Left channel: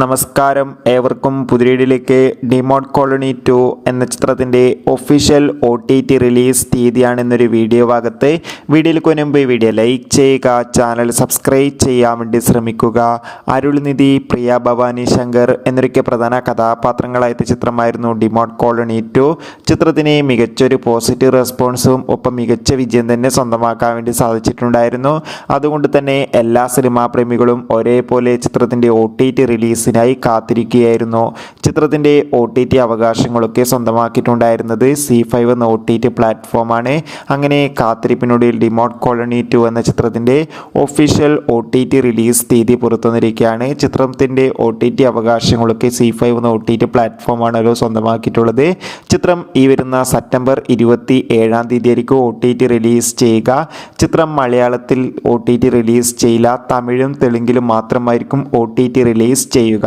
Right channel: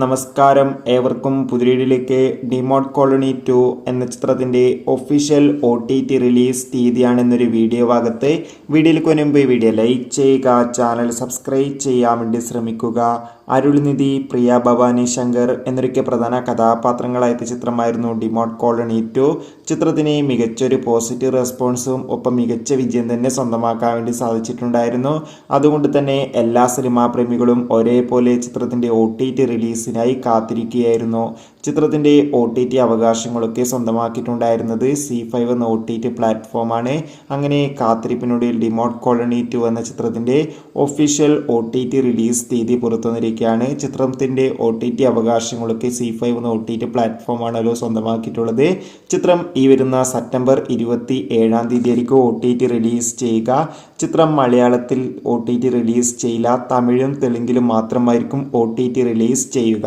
നമസ്കാരം, ഏവർക്കും പുതിയയിലേക്ക് demote colony 2 എന്ന ചിത്രത്തിൻ്റെ ഒഫീഷ്യൽ OTT റിലീസ് തീയതിയാണ് എന്നൊരു വീഡിയോ ഭാഗത്ത്. വീഡിയോയിലേക്ക് മുൻപ് വീഡിയോ ലൈക്ക് ചെയ്യുക, ചാനൽ സബ്സ്ക്രൈബ് ചെയ്യാൻ വേണ്ടി ശ്രമിക്കുക. അരുൾനിധി, പ്രിയ ഭവാനി ശങ്കർ എന്നൊക്കെ പ്രധാന കഥാപാത്രങ്ങളായ ചിത്രമായിരുന്നു ഡിമോട്ട് കോളനി 2. ചിത്രത്തിന് മികച്ചൊരു പോസിറ്റീവ് റെസ്പോൺസും ഒപ്പം മികച്ച വിജയം തന്നെ സ്വന്തമാക്കാൻ വേണ്ടി സാധിച്ചിട്ടുണ്ടായിരുന്നു. അതുകൊണ്ട് തന്നെ എല്ലാ സിനിമാ പ്രേമികളും ഒരേപോലെ ചിത്രത്തിൻ്റെ OTT റിലീസിനായി കാത്തിരിക്കുകയായിരുന്നു. ചിത്രത്തിൻ്റെ OTT അവകാശങ്ങളൊക്കെ സ്വന്തമാക്കിയിട്ടുണ്ടായിരുന്നത് C5 എന്ന OTT പ്ലാറ്റ്ഫോമാണ്. അങ്ങനെ കാത്തിരിപ്പിനൊടുവിൽ ഡിമോട്ട് കോളനി 2 എന്ന ചിത്രത്തിൻ്റെ ഒഫീഷ്യൽ OTT റിലീസ് തീയതി പുറത്തുവന്നിരിക്കുകയാണ്. ചിത്രത്തിൻ്റെ OTT അവകാശങ്ങളൊക്കെ C5 എന്ന OTT പ്ലാറ്റ്ഫോമാണല്ലോ സ്വന്തമാക്കിയിട്ടുള്ളത്. ചിത്രം ഈ വരുന്ന സെപ്റ്റംബർ 27 തീയതിയായിരിക്കും OTT റിലീസ് ചെയ്യുക. ചിത്രം മലയാളത്തിൽ OTT റിലീസ് ചെയ്യില്ല, തമിഴും തെലുങ്കിലും മാത്രമായിരിക്കും OTT റിലീസ് ചെയ്യുക.